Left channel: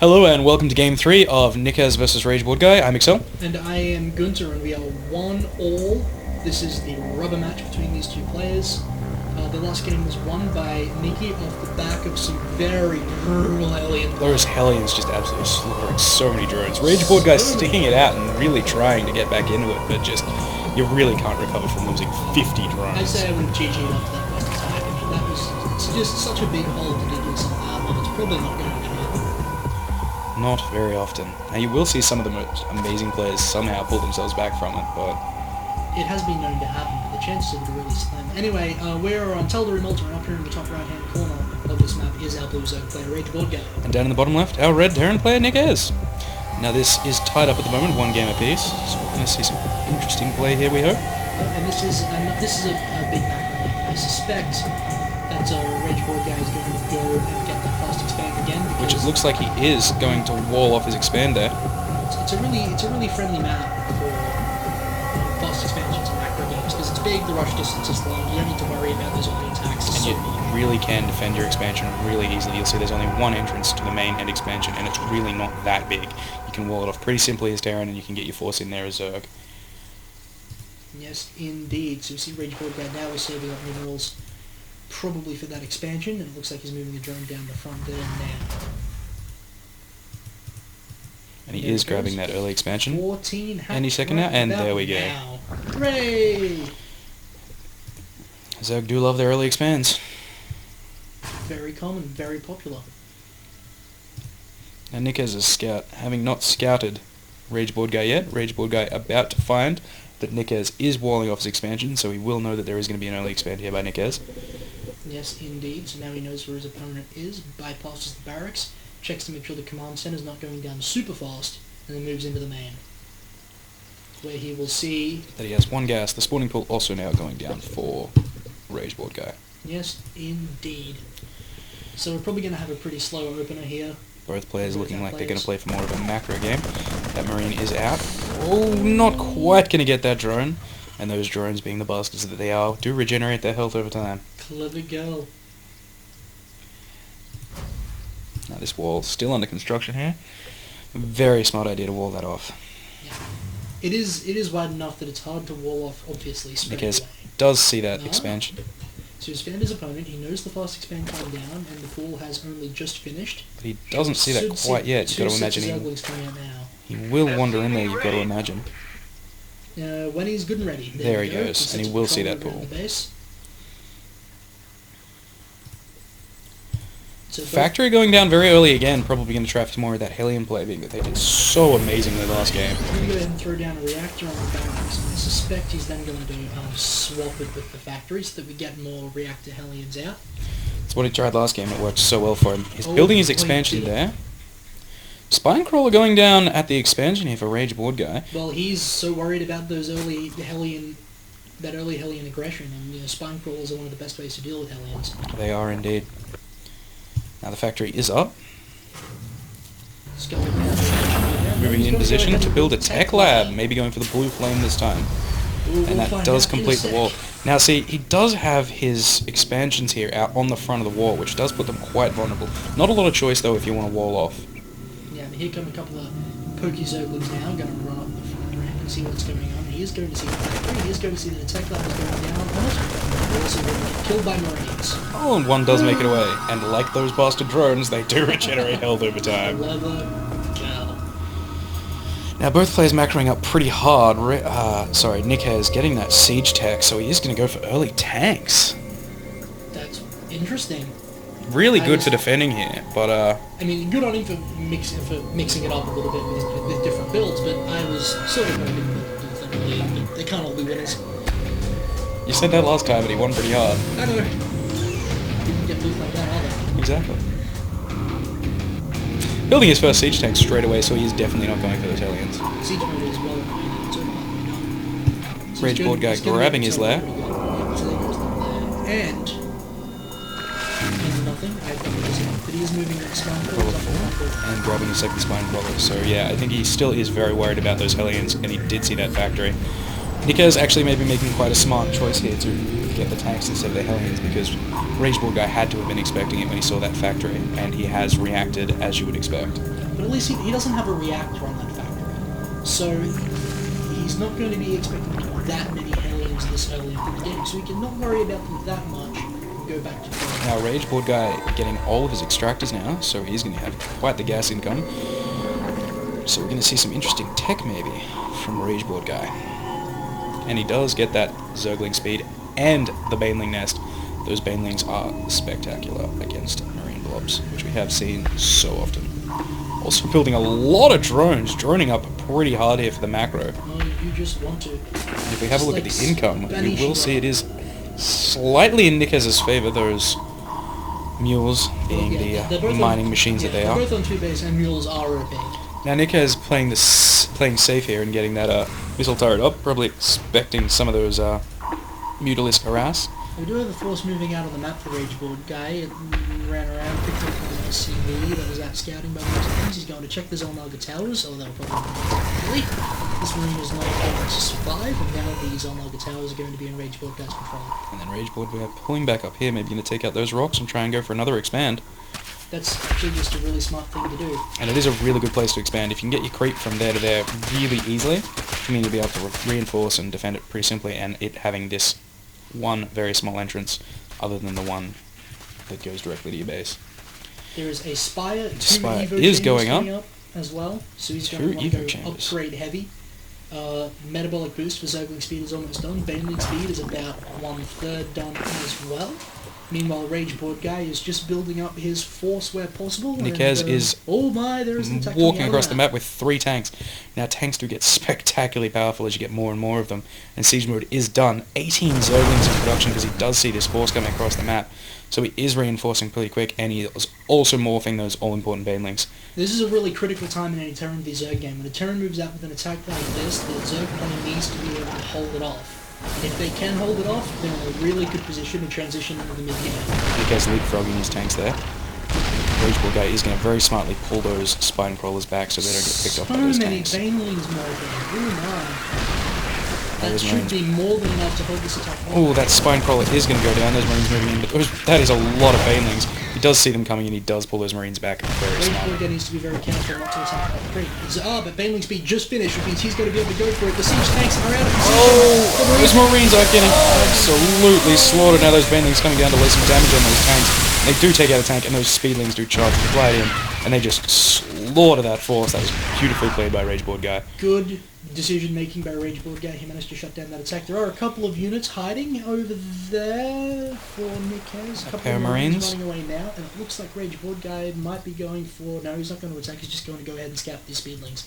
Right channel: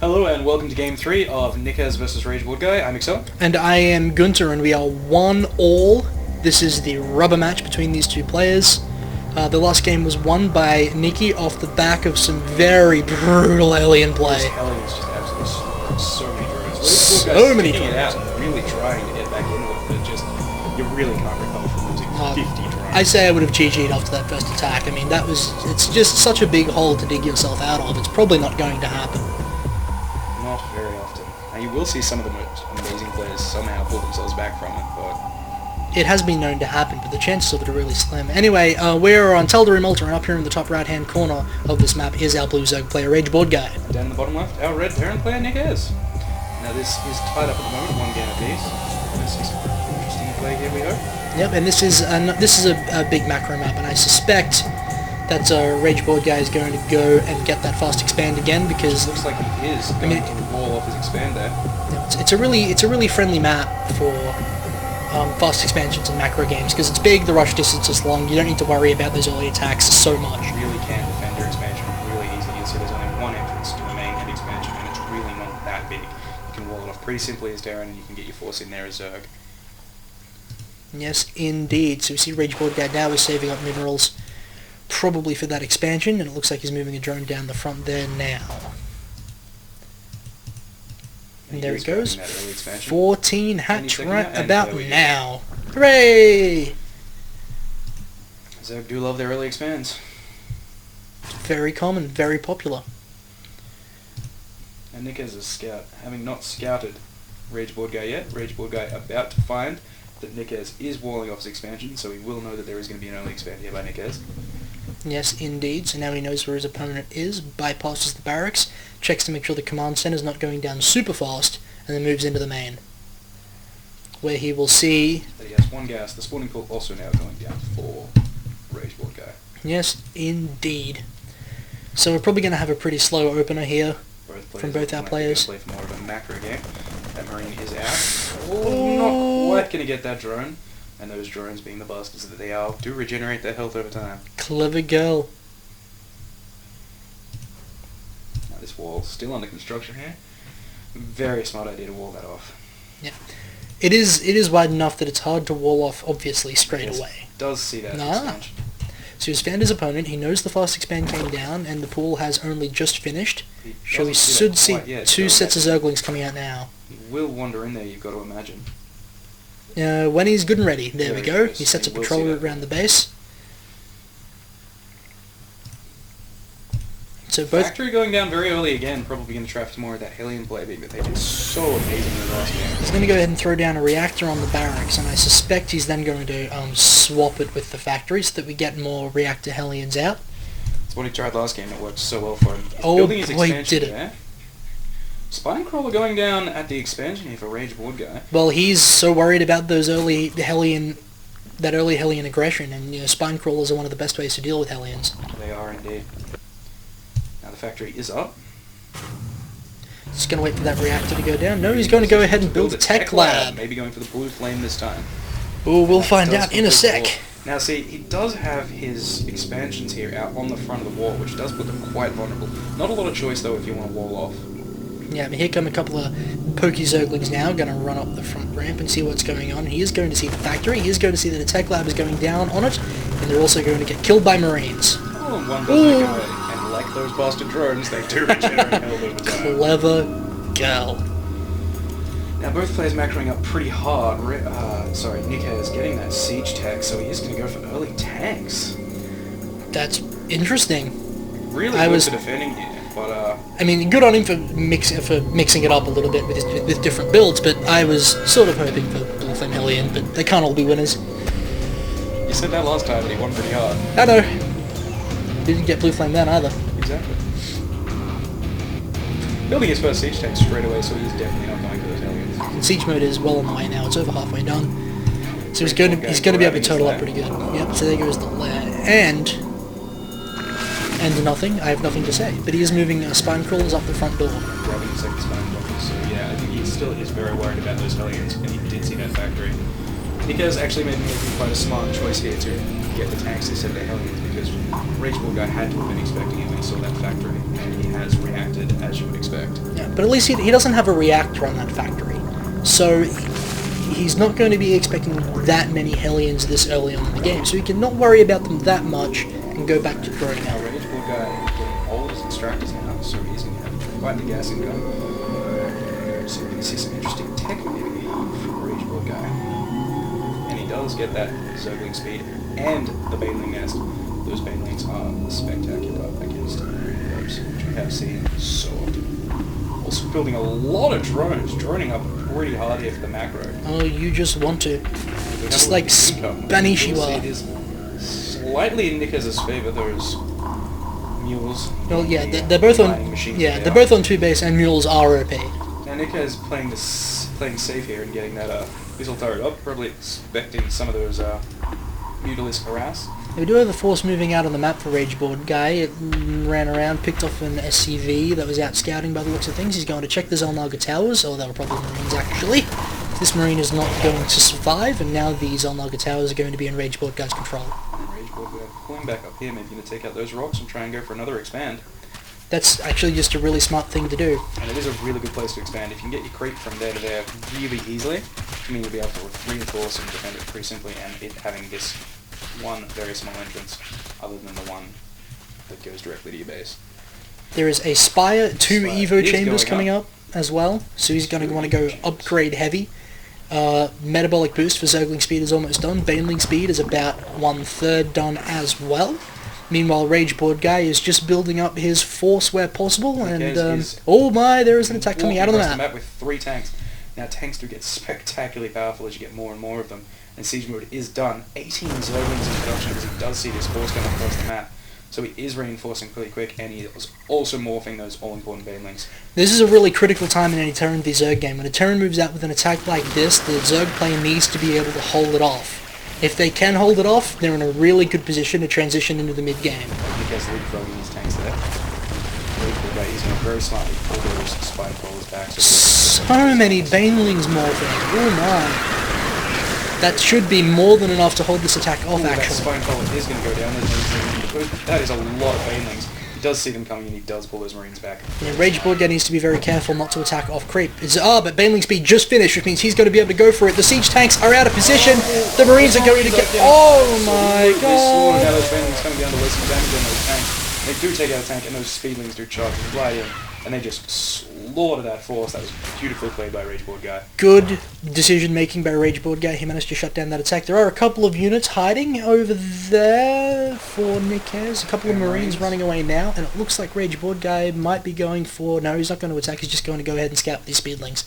Hello and welcome to Game 3 of NikkeZ vs Rageboredguy. I'm NikkeZ. And I am Gunter, and we are 1-all. This is the rubber match between these two players. The last game was won by Nikki off the back of some very brutal alien play. Those Hellions just absolutely slaughtered so many drones. Rageboredguy's sticking it out and really trying to get back into it, but just, you really can't recover from losing 50 drones. I say I would have GG'd after that first attack. I mean, it's just such a big hole to dig yourself out of. It's probably not going to happen. Not very often. Now you will see some of the most amazing players somehow pull themselves back from it, but... It has been known to happen, but the chances of it are really slim. Anyway, we're on Teldary Malta, and up here in the top right-hand corner of this map is our blue Zerg player, Rageboredguy. And down in the bottom left, our red Terran player, NikkeZ. Now this is tied up at the moment, one game apiece. So we're going to see some interesting play here, we hope. Yep, and this is a big macro map, and I suspect that Rageboredguy is going to go and get that fast expand again, because it looks like he is going to wall off his expander. It's a really friendly map for fast expansions and macro games, because it's big, the rush distance is long, you don't need to worry about those early attacks so much. You really can defend your expansion really easily. You'll see there's only one entrance to the main end expansion, and it's really not that big. You can wall it off pretty simply as Terran, and you can get your force in there as Zerg. Yes, indeed. So we see Rageboredguy now is saving up minerals, probably for that expansion, and it looks like he's moving a drone down the front there now. And he is grabbing that early expansion. 14 hatch right and about there we go. now. Hooray! Zerg do love their early expands. Very common, very popular. Now NikkeZ is scout. Having not scouted Rageboredguy yet, Rageboredguy about to find that NikkeZ is walling off his expansion, so he will know that there is going to be an early expand here by NikkeZ. Yes, indeed. So now he knows where his opponent is, bypasses the barracks, checks to make sure the command center is not going down super fast, and then moves into the main, where he will see that he has one gas. The spawning pool also now going down for Rageboredguy. Yes, indeed. So we're probably going to have a pretty slow opener here. Both players looking like they're going to play for more of a macro game. That Marine is out. Oh, not quite going to get that drone. And those drones, being the bastards that they are, do regenerate their health over time. Clever girl. Now this wall still under construction here. Very smart idea to wall that off. Yeah. It is wide enough that it's hard to wall off, obviously, straight away. Does see that expansion. So he's found his opponent, he knows the fast expand came down, and the pool has only just finished. He doesn't see that quite yet. Two sets of Zerglings coming out now. He will wander in there, you've got to imagine. When he's good and ready. There we go. He sets a patrol route around the base. So Factory going down very early again, probably going to trap more of that Hellion play that they did so amazing in the last game. He's going to go ahead and throw down a reactor on the barracks, and I suspect he's then going to swap it with the factory so that we get more reactor Hellions out. That's what he tried last game, it worked so well for him. He's building his expansion there. Spinecrawler going down at the expansion here for Rageboredguy. Well, he's so worried about those early Hellion aggression, and Spinecrawlers are one of the best ways to deal with Hellions. They are indeed. Now the factory is up. Just going to wait for that reaction to go down. No, he's going to go ahead and build a tech lab. Maybe going for the blue flame this time. Oh, we'll find out in a sec. Now see, he does have his expansions here out on the front of the wall, which does put them quite vulnerable. Not a lot of choice though if you want to wall off. Yeah, but here come a couple of pokey Zerglings now, going to run up the front ramp and see what's going on. He is going to see the factory, he is going to see that the tech lab is going down on it. They're also going to get killed by Marines. Oh, and one does make it away. And like those bastard drones, they do regenerate health over time. Clever girl. Now both players macroing up pretty hard. NikkeZ is getting that siege tech, so he is going to go for early tanks. That's interesting. Really good for defending here, but I mean, good on him for mixing it up a little bit with different builds, but I was sort of hoping for Blue Flame Hellion, but they can't all be winners. You said that last time, but he won pretty hard. I know. Didn't get Blue Flame down either. Exactly. Building his first siege tank straight away, so he's definitely not going for those Hellions. Siege mode is well on the way now, it's over halfway done. So he's going to be able to total up pretty good. Yep, so there goes the lair. And nothing. I have nothing to say. But he is moving Spinecrawlers up the front door. And grabbing a second Spinecrawler. So yeah, I think he still is very worried about those Hellions, and he did see that factory. NikkeZ actually maybe making quite a smart choice here to get the tanks instead of the Hellions, because Rageboredguy had to have been expecting it when he saw that factory, and he has reacted as you would expect. Yeah, but at least he doesn't have a reactor on that factory, so he's not going to be expecting that many Hellions this early on in the game, so he can not worry about them that much and go back to throwing. Now Rageboredguy getting all of his extractors now, so he's going to have quite the gas income. So we're going to see some interesting tech maybe from Rageboredguy. And he does get that Zergling speed and the Baneling nest. Those Banelings are spectacular against Marine Robs, which we have seen so often. Also building a lot of drones, droning up pretty hard here for the macro. Oh, you just want to. If we have Just a look like at the income, Spanish we'll see it is slightly in NikkeZ's favour, those mules. Well, being yeah, the, they're both mining on. machines Yeah, that they they're are. both on 2 base, and mules are OP. Now NikkeZ playing safe here and getting that missile turret up, probably expecting some of those Mutalisk harass. We do have a force moving out on the map for Rageboredguy. It ran around, picked up an SCV that was out scouting by the looks of things. He's going to check the Zolnaga towers, or that'll probably be actually. This Marine is not going to survive, and now the Zolnaga towers are going to be in Rageboredguy's control. And then Rageboredguy pulling back up here, maybe going to take out those rocks and try and go for another expand. That's actually just a really smart thing to do. And it is a really good place to expand. If you can get your creep from there to there really easily, I mean you'll be able to reinforce and defend it pretty simply, and it having this one very small entrance other than the one that goes directly to your base. There is a Spire, 2 Spire Evo is chambers going coming up as well, so he's going to 2 want to go Evo chambers. upgrade heavy. Metabolic boost for Zergling speed is almost done. Baneling speed is about 1/3 done as well. Meanwhile, Rageboredguy is just building up his force where possible. NikkeZ and, is oh my, there is an attack coming walking out of across the the map. map with 3 tanks. Now tanks do get spectacularly powerful as you get more and more of them, and siege mode is done. 18 Zerglings in production because he does see this force coming across the map. So he is reinforcing pretty quick, and he is also morphing those all-important Banelings. This is a really critical time in any Terran v Zerg game. When a Terran moves out with an attack like this, the Zerg player needs to be able to hold it off. If they can hold it off, they're in a really good position to transition into the mid-game. NikkeZ leapfrogging his tanks there. Rageboredguy is going to very smartly pull those spine crawlers back so So those many tanks. Banelings morphing. Oh my. That should be more than enough to hold this attack off, Oh, that actually. spine crawler is going to go down. That is a lot of Banelings. He does see them coming and he does pull those Marines back. Rageboredguy needs to be very careful not to attack off creep. But Baneling speed just finished, which means he's going to be able to go for it. The siege tanks are out of position. The Marines are going to get... Absolutely slaughtered. Now those Banelings coming down to lay some damage on those tanks. They do take out a tank, and those Speedlings do charge right in, and they just slaughter that force. That was beautifully played by Rageboredguy. Good decision making by Rageboredguy. He managed to shut down that attack. There are a couple of units hiding over there for NikkeZ. A couple of Marines running away now, and it looks like Rageboredguy might be going for... No, he's not going to attack. He's just going to go ahead and scout these Speedlings.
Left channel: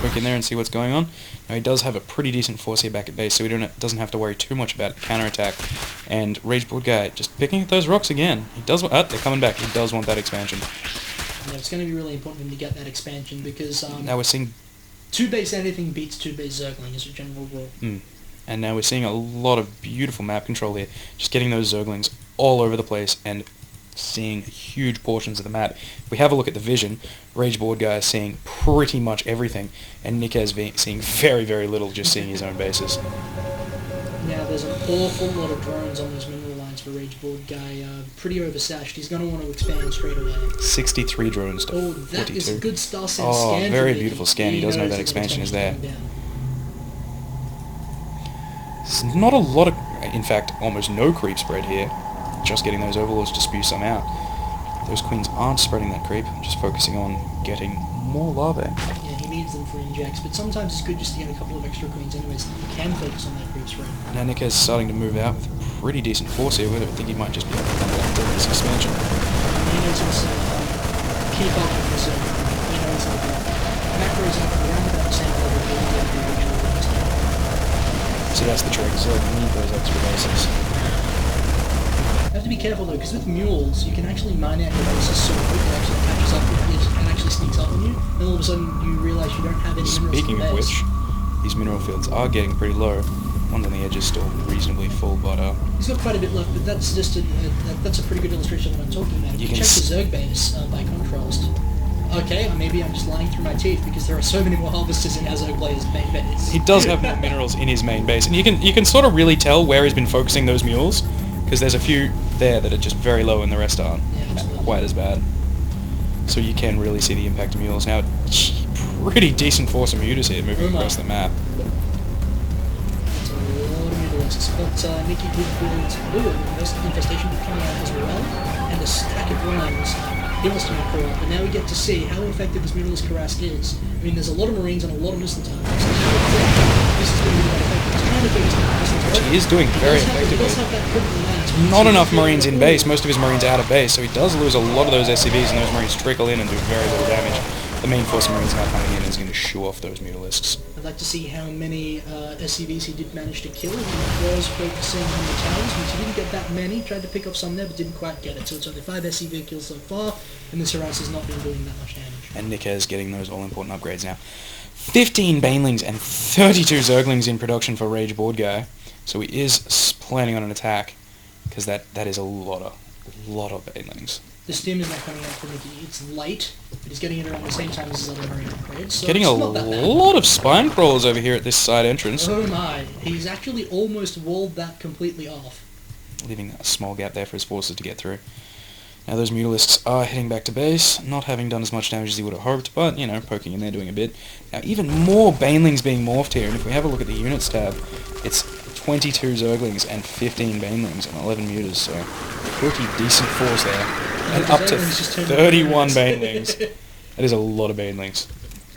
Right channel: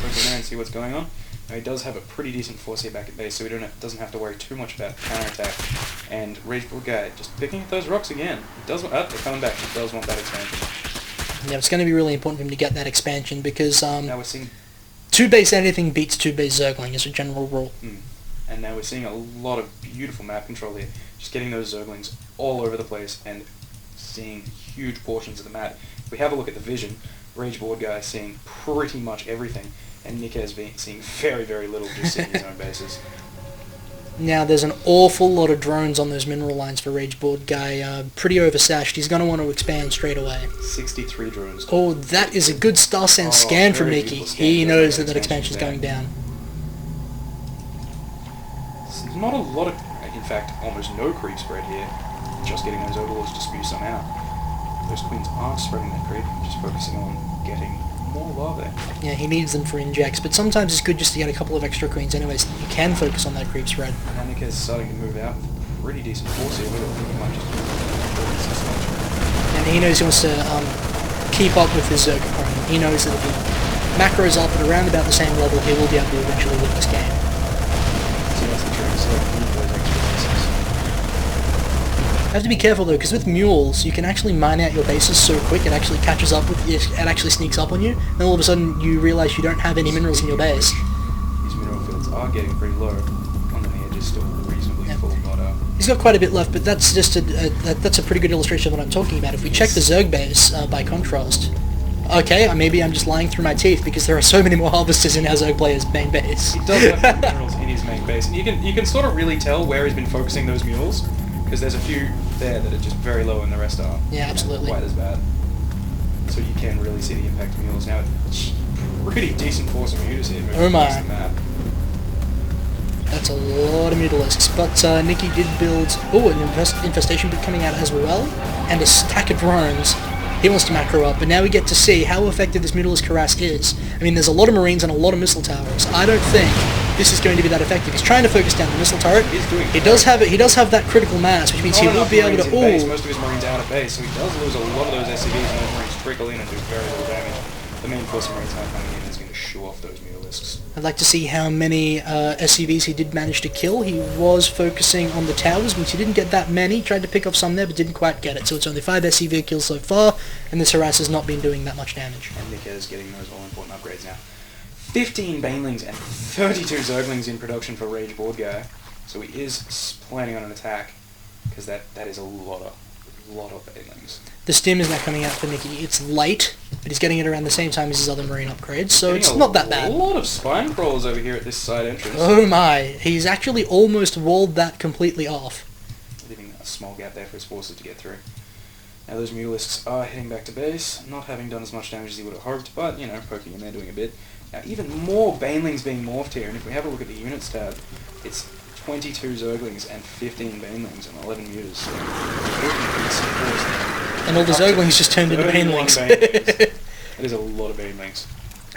Quick in there and see what's going on. Now he does have a pretty decent force here back at base, so he doesn't have to worry too much about counterattack. And Rageboredguy just picking at those rocks again. He does want... Oh, they're coming back. He does want that expansion. Yeah, it's going to be really important for him to get that expansion because Now we're seeing... 2-base anything beats 2-base Zergling as a general rule. And now we're seeing a lot of beautiful map control here. Just getting those Zerglings all over the place and seeing huge portions of the map. If we have a look at the vision, Rageboredguy is seeing pretty much everything, and NikkeZ seeing very, very little, just seeing his own bases. Now there's an awful lot of drones on those mineral lines for Rageboredguy. Pretty oversashed. He's going to want to expand straight away. 63 drones. Oh, that is a good star sense scan from very Nikki. beautiful scan. He He does knows know that that that expansion's expansion's going down. It's not a lot of... In fact, almost no creep spread here. Just getting those overlords to spew some out. Those queens aren't spreading that creep, just focusing on getting more larvae. Yeah, he needs them for injects, but sometimes it's good just to get a couple of extra queens anyways. He can focus on that creep spread. Now NikkeZ is starting to move out with a pretty decent force here. We don't think he might just be this expansion. And he knows he wants to keep up with his Zerg. He knows that if the macro's up at around about the same level, he will be able to eventually win this game. So that's the trick, so those extra bases. You have to be careful though, because with mules, you can actually mine out your bases so quick it actually catches up with you, it actually sneaks up on you, and all of a sudden you realise you don't have any minerals in your Speaking of base. which, these mineral fields are getting pretty low. One on the edge is still reasonably full, but He's got quite a bit left, but that's just that's a pretty good illustration of what I'm talking about. If we check the Zerg base by contrast, Okay, maybe I'm just lying through my teeth because there are so many more harvesters in our Zerg player's main base. He does have more minerals in his main base, and you can sort of really tell where he's been focusing those mules, because there's a few there that are just very low and the rest aren't Yeah, absolutely. quite as bad. So you can really see the impact of mules. Now, pretty decent force of mutas here moving across the map. That's a lot of mutilisks, but Nikki did build, an infestation bid coming out as well, and a stack of drones. He wants to macro up, but now we get to see how effective this mutalisk harass is. I mean, there's a lot of marines and a lot of missile towers. I don't think this is going to be that effective. He's trying to focus down the missile turret. He's doing. He does have that critical mass, which means not he enough will be marines able in to, base. Most of his marines out of base, so he does lose a lot of those SCVs, and those marines trickle in and do very little damage. The main force of marines now coming in is going to shoo off those mutalisks. I'd like to see how many SCVs he did manage to kill. He was focusing on the towers, which he didn't get that many. Tried to pick off some there, but didn't quite get it. So it's only 5 SCV kills so far, and this harass has not been doing that much damage. And NikkeZ getting those all-important upgrades now. 15 Banelings and 32 Zerglings in production for Rageboredguy. So he is planning on an attack, because that is a lot of Banelings. The stim is not coming out for Nikki. It's light, but he's getting it around the same time as his other marine upgrades, so Getting it's not that bad. a lot of spine crawlers over here at this side entrance. Oh my, he's actually almost walled that completely off. Leaving a small gap there for his forces to get through. Now those mutalisks are heading back to base, not having done as much damage as he would have hoped, but, you know, poking in there, doing a bit. Now even more Banelings being morphed here, and if we have a look at the units tab, it's 22 Zerglings and 15 Banelings and 11 mutas, so pretty decent force there. And all the Zerglings just turned into 31 Banelings. Banelings. That is a lot of Banelings.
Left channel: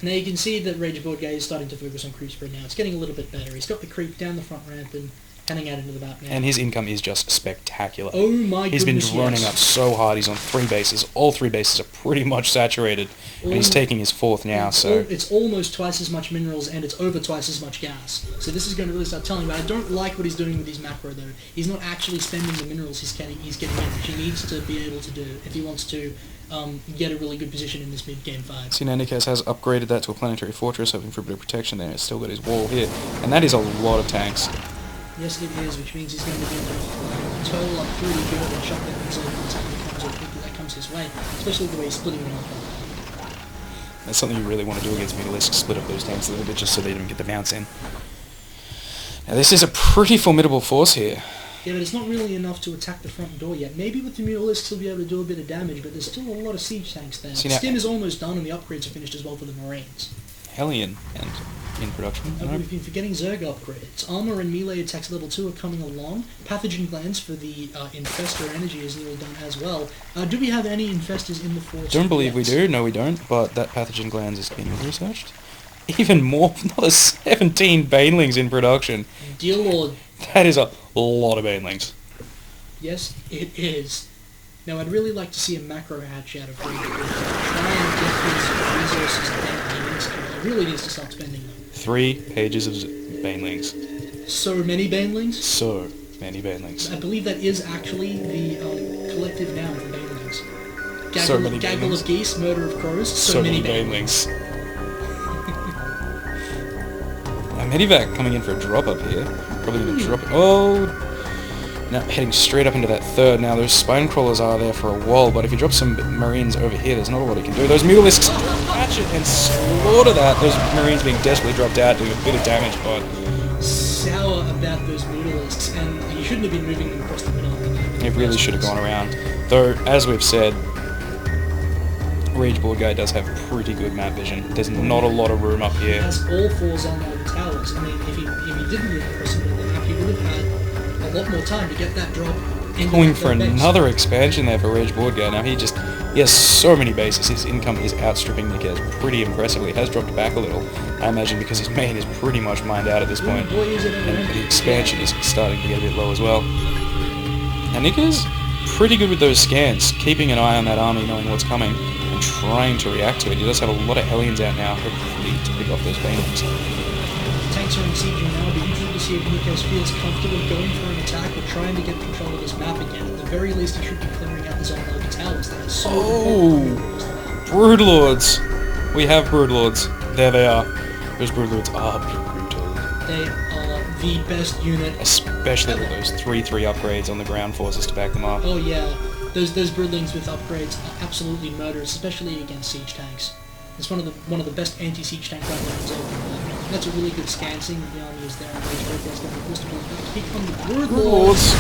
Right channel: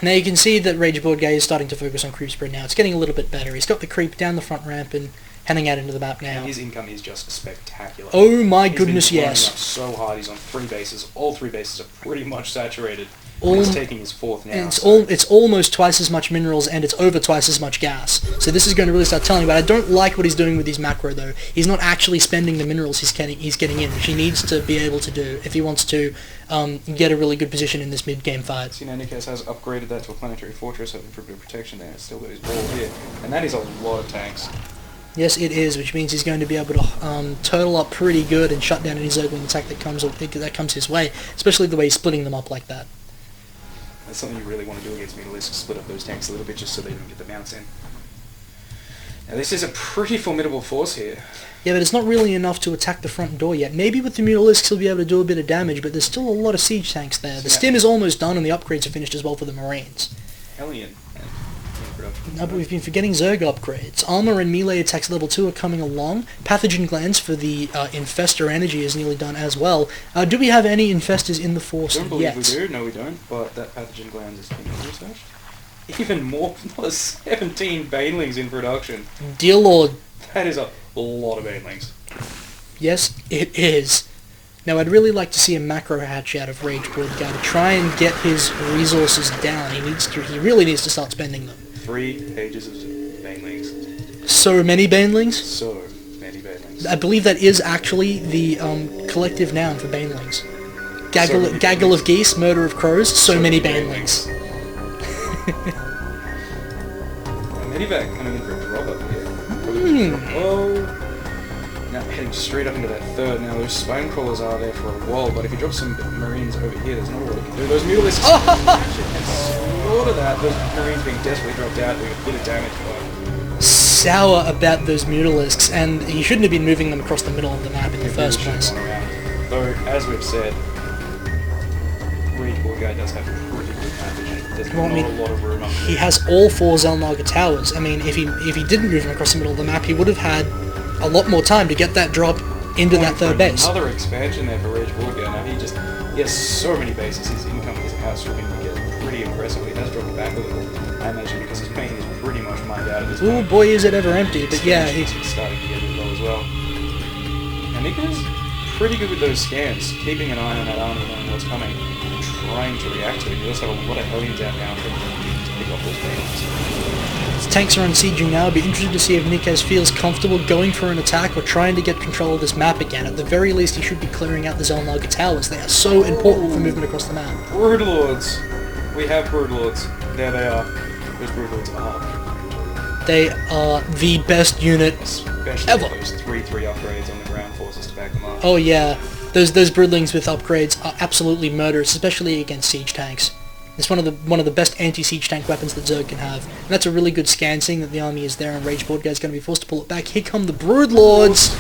Now you can see that Rageboredguy is starting to focus on creep spread now. It's getting a little bit better. He's got the creep down the front ramp and heading out into the map now. And his income is just spectacular. Oh my goodness, He's been running yes. up so hard. He's on 3 bases. All 3 bases are pretty much saturated. And he's taking his 4th now. It's almost twice as much minerals and it's over twice as much gas. So this is going to really start telling. But I don't like what he's doing with his macro though. He's not actually spending the minerals he's getting in, which he needs to be able to do if he wants to get a really good position in this mid-game fight. See, now NikkeZ has upgraded that to a planetary fortress, hoping for a bit of protection there. It's still got his wall here. And that is a lot of tanks. Yes, it is, which means he's going to be able to turtle up pretty good and shut down any Zerglin attack that comes his way, especially the way he's splitting them up like that. That's something you really want to do against mutalisks, split up those tanks a little bit just so they don't get the bounce in. Now this is a pretty formidable force here. Yeah, but it's not really enough to attack the front door yet. Maybe with the mutalisks he'll be able to do a bit of damage, but there's still a lot of siege tanks there. The stim is almost done and the upgrades are finished as well for the marines. Hellion and in production. We've been forgetting Zerg upgrades. Armor and melee attacks level 2 are coming along. Pathogen glands for the Infestor energy is nearly done as well. Do we have any Infestors in the force Don't believe yet? we do, no we don't, but that pathogen glands is being researched. Even more, another 17 Banelings in production. Dear Lord. That is a lot of Banelings. Yes, it is. Now, I'd really like to see a macro hatch out of Rageboredguy. Try and get his resources down. He really needs to start spending them. 3 pages of Banelings. So many Banelings? So many Banelings. I believe that is actually the collective noun for Banelings. Gaggle of geese, murder of crows, so many Banelings. Medivac coming in for a drop up here. Probably drop. Oh! Now heading straight up into that 3rd. Now those spine crawlers are there for a while, but if you drop some marines over here, there's not a lot he can do. Those mutalisks catch it and slaughter that. Those marines being desperately dropped out, doing a bit of damage, but sour about those mutalisks, and he shouldn't have been moving them across the middle of the map in the it really first should have place. gone around. Though, as we've said, Rageboredguy does have pretty good map vision. There's not a lot of room up here. He has all 4 Zelnaga towers. I mean, if he didn't move them across the middle of the map, he would have had a lot more time to get that drop into that 3rd base. Another expansion there for Rageboredguy. Now he has so many bases. His income is outstripping NikkeZ pretty impressively. It has dropped back a little. I imagine because his main is pretty much mined out at this point. Oh boy, is it ever empty. But yeah, Expansion is starting to get a bit low as well. Now NikkeZ pretty good with those scans, keeping an eye on that army, knowing what's coming, and trying to react to it. He does have a lot of Hellions out now, but he needs to pick up those Banelings. his tanks are unsieging now. It'll be interesting to see if NikkeZ feels comfortable going for an attack or trying to get control of this map again. At the very least, he should be clearing out the Zelnaga towers. They are so important for moving across the map. Broodlords! We have Broodlords. There they are. Those Broodlords are brutal. They are the best unit Especially ever. with those 3-3 upgrades on the ground forces to back them up. Oh yeah, Those broodlings with upgrades are absolutely murderous, especially against siege tanks. It's one of the best anti-siege tank weapons that Zerg can have. And that's a really good scan, seeing that the army is there and Rageboredguy is going to be forced to pull it back. Here come the Broodlords!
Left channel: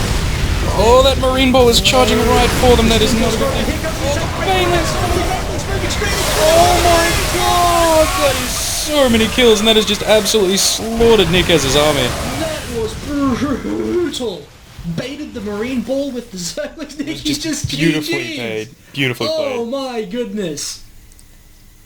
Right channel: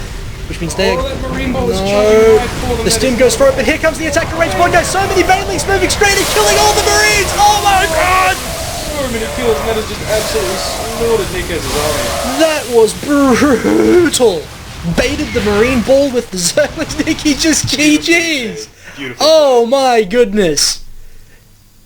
Oh, that Marine Ball is charging right for them. The stim goes for it, but here comes the attack from Rageboredguy. So many Banelings moving straight and killing all the Marines! Oh my god! So many kills, and that has just absolutely slaughtered NikkeZ's army. That was brutal! Baited the Marine Ball with the Zerglings. NikkeZ just GG's! Beautiful. Oh my goodness!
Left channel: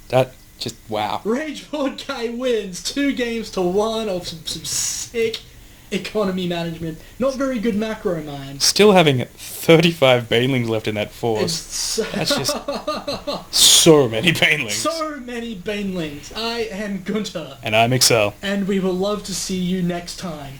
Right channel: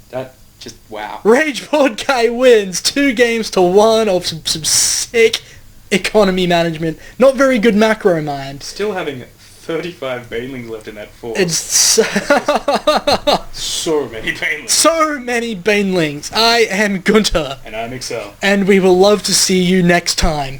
That just, wow. Rageboredguy wins 2-1 of some sick economy management. Not very good macro, man. Still having 35 Banelings left in that force. That's just so many Banelings. so many Banelings. I am Gunter. And I'm Excel. And we will love to see you next time.